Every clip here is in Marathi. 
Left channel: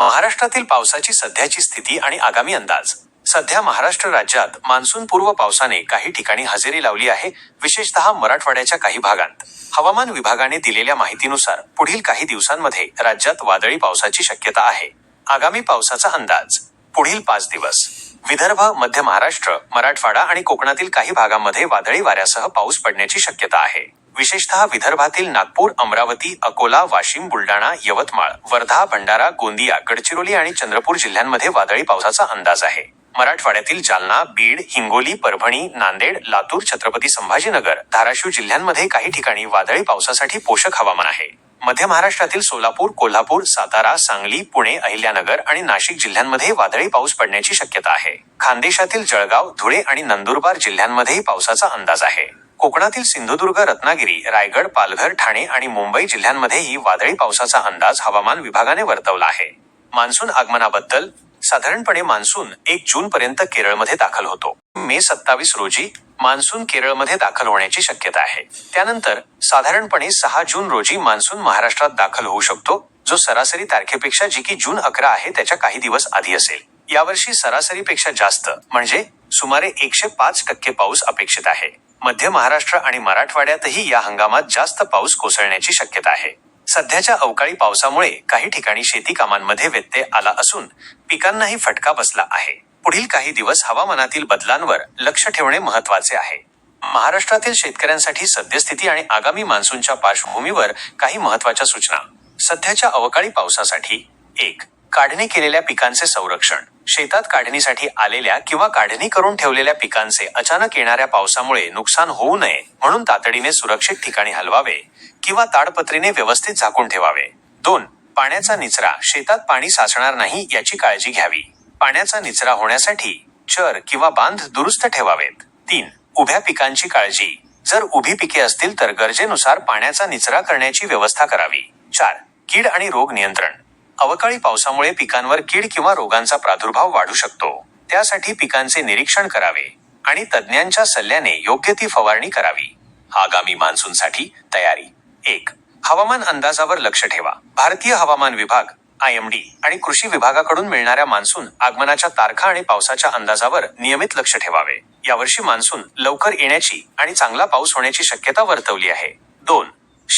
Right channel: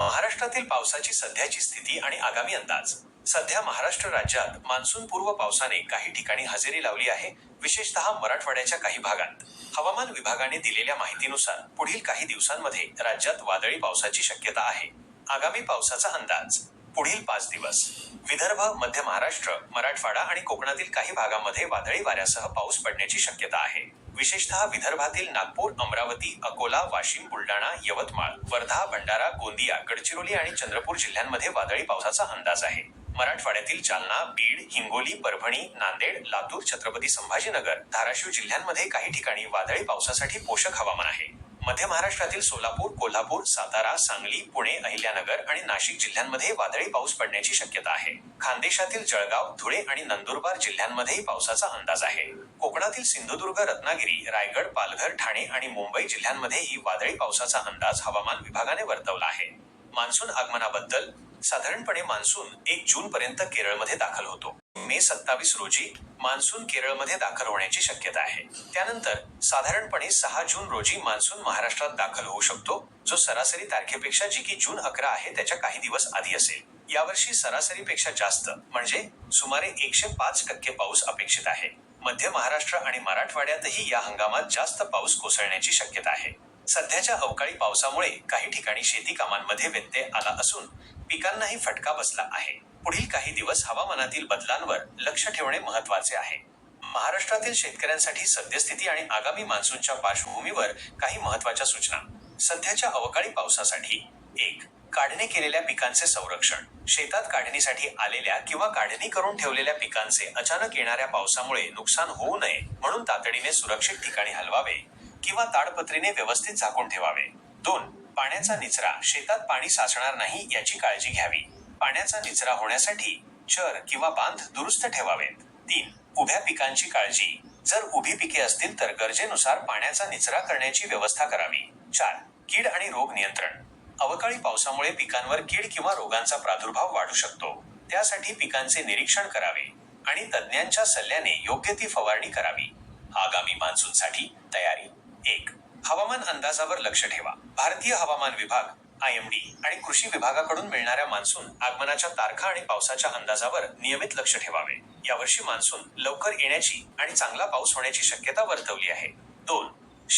महाराष्ट्रातील पावसाची सध्याची स्थिती आणि आगामी अंदाज. सध्या महाराष्ट्र राज्यात मान्सून पूर्व पावसाने काही ठिकाणी हजेरी लावली आहे विशेषतः मराठवाड्याच्या काही भागांत. हवामान विभागाने दिलेल्या माहितीनुसार पुढील काही दिवसांमध्ये राज्यात वादळी पावसाची शक्यता आहे. आगामी पावसाचा अंदाज पुढील पाच दिवस. विदर्भ मध्य महाराष्ट्र मराठवाडा आणि कोकणातील काही भागांमध्ये वादळी वाऱ्यासह पाऊस पडण्याची शक्यता आहे. विशेषतः विदर्भातील नागपूर अमरावती अकोला वाशिम बुलडाणा यवतमाळ वर्धा भंडारा गोंदिया गडचिरोली आणि चंद्रपूर जिल्ह्यांमध्ये वादळी पावसाचा अंदाज आहे. मराठवाड्यातील जालना बीड हिंगोली परभणी नांदेड लातूर छत्रपती संभाजीनगर धाराशिव जिल्ह्यांमध्ये काही ठिकाणी वादळी पावसासाठी पोषक हवामान आहे. मध्य महाराष्ट्रातील सोलापूर कोल्हापूर सातारा सांगली पुणे अहिल्यानगर आणि नाशिक जिल्ह्यांमध्ये वादळी पाऊस पडण्याची शक्यता आहे. खानदेशातील जळगाव धुळे आणि नंदुरबार जिल्ह्यांमध्येही पावसाचा अंदाज आहे. कोकणातील सिंधुदुर्ग रत्नागिरी रायगड पालघर ठाणे आणि मुंबई जिल्ह्यांमध्येही वादळी पावसाचा अंदाज हवामान विभागाने वर्तवला आहे. मान्सून आगमनाबद्दल साधारणपणे मान्सून एक जून पर्यंत केरळमध्ये दाखल होतो. मे सत्तावीस रोजी मान्सून केरळमध्ये दाखल होण्याची शक्यता आहे. त्यानंतर साधारणपणे सहा जून रोजी मान्सून महाराष्ट्रात दाखल होऊ शकतो जो सरासरी तारखेपेक्षा जी की जून अकरा आहे त्याच्या काही दिवस आधी असेल. यावर्षी सरासरीपेक्षा जास्त म्हणजे सुमारे एकशे पाच टक्के पाऊस अपेक्षित आहे. मध्य महाराष्ट्र आणि मराठवाड्यातही या हंगामात जास्त पाऊस कोसळण्याची शक्यता आहे. सध्याच्या अवकाळी पावसामुळे काही ठिकाणी शेती कामांमध्ये व्यत्यय आला असून पिकांनाही फटका बसला आहे. पुढील काही दिवस हवामानातील बदलांवर लक्ष ठेवणे महत्त्वाचे आहे. महाराष्ट्रातील शेतकऱ्यांसाठी सद्यस्थिती आणि आगामी मान्सूनच्या पार्श्वभूमीवर काही महत्त्वाच्या सूचना. सध्याच्या अवकाळी पावसासाठी एक काढणी केलेल्या पिकांचे संरक्षण. शेतात काढणीसाठी आलेल्या किंवा काढणी करून ठेवलेल्या पिकांचे अचानक येणाऱ्या पावसामुळे नुकसान होऊ नये म्हणून तातडीने सुरक्षित ठिकाणी हलवावे किंवा ताडपत्रीने व्यवस्थित झाकून ठेवावे. दोन पाण्याचा निचरा. शेतात पाणी साचणार नाही याची काळजी घ्यावी. पाण्याचा निचरा होण्यासाठी चर किंवा बांध दुरुस्त ठेवावेत. तीन उभ्या पिकांची काळजी. जर उभी पिके असतील तर गरजेनुसार पाण्याचा निचरा करण्याची व्यवस्था करावी. चार कीड आणि रोग नियंत्रण. अवकाळी पावसामुळे पिकांवर कीड किंवा रोगांचा प्रादुर्भाव वाढू शकतो. त्यासाठी पिकांचे निरीक्षण करावे आणि तज्ज्ञांच्या सल्ल्याने योग्य ती फवारणी करावी. आगामी मान्सूनसाठी तयारी. एक हवामान अंदाजावर लक्ष ठेवा. भारतीय हवामान विभाग आय एम डी आणि कृषी विभागाकडून मिळणाऱ्या मान्सून आगमनाच्या तारखा आणि पावसाच्या अंदाजावर नियमित लक्ष ठेवावे. यावर्षी मान्सून लवकर येण्याची आणि चांगला पाऊस होण्याची शक्यता वर्तवली आहे. दोन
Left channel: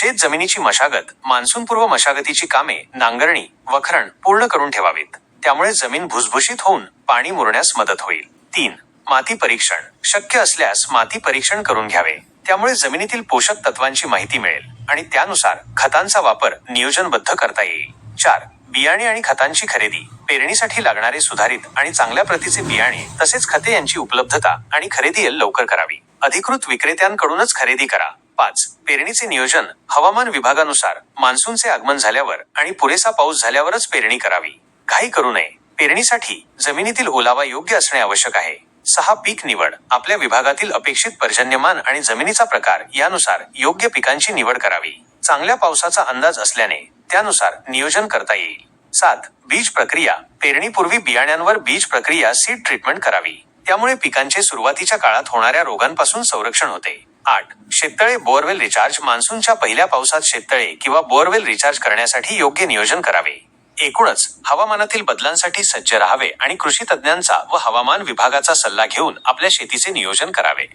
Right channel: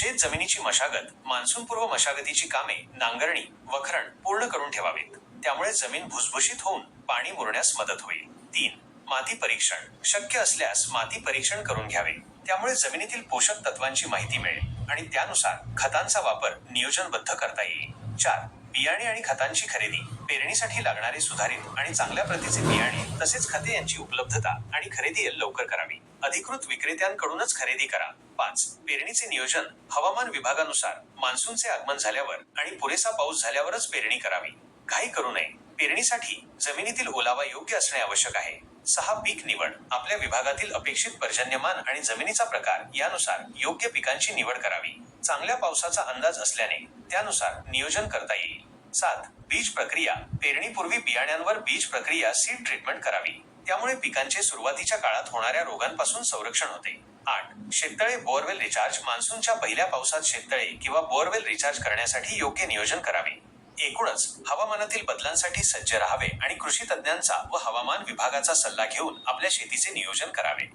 शेत जमिनीची मशागत मान्सूनपूर्व मशागतीची कामे नांगरणी वखरण पूर्ण करून ठेवावीत. त्यामुळे जमीन भुसभुशीत होऊन पाणी मुरण्यास मदत होईल. तीन माती परीक्षण. शक्य असल्यास माती परीक्षण करून घ्यावे. त्यामुळे जमिनीतील पोषक तत्वांची माहिती मिळेल आणि त्यानुसार खतांचा वापर नियोजनबद्ध करता येईल. चार बियाणे आणि खतांची खरेदी. पेरणीसाठी लागणारे सुधारित आणि चांगल्या प्रतीचे बियाणे तसेच खते यांची उपलब्धता आणि खरेदी लवकर करावी. अधिकृत विक्रेत्यांकडूनच खरेदी करा. पाच. पेरणीचे नियोजन हवामान विभागानुसार मान्सूनचे आगमन झाल्यावर आणि पुरेसा पाऊस झाल्यावरच पेरणी करावी. घाई करू नये. पेरणीसाठी जमिनीतील ओलावा योग्य असणे आवश्यक आहे. सहा पीक निवड आपल्या विभागातील अपेक्षित पर्जन्यमान आणि जमिनीचा प्रकार यानुसार योग्य पिकांची निवड करावी. चांगल्या पावसाचा अंदाज असल्याने त्यानुसार नियोजन करता येईल. सात. बीज प्रक्रिया पेरणीपूर्वी बियाण्यांवर बीज प्रक्रिया सीड ट्रीटमेंट करावी. त्यामुळे पिकांचे सुरुवातीच्या काळात होणाऱ्या रोगांपासून संरक्षण होते. आठ. शेततळे बोअरवेल रिचार्ज मान्सूनच्या पहिल्या पावसात शेततळे किंवा बोअरवेल रिचार्ज करण्यासाठी योग्य नियोजन करावे. एकूणच हवामानातील बदलांसाठी सज्ज राहावे आणि कृषी तज्ज्ञांचा व हवामान विभागाचा सल्ला घेऊन आपल्या शेतीचे नियोजन करावे.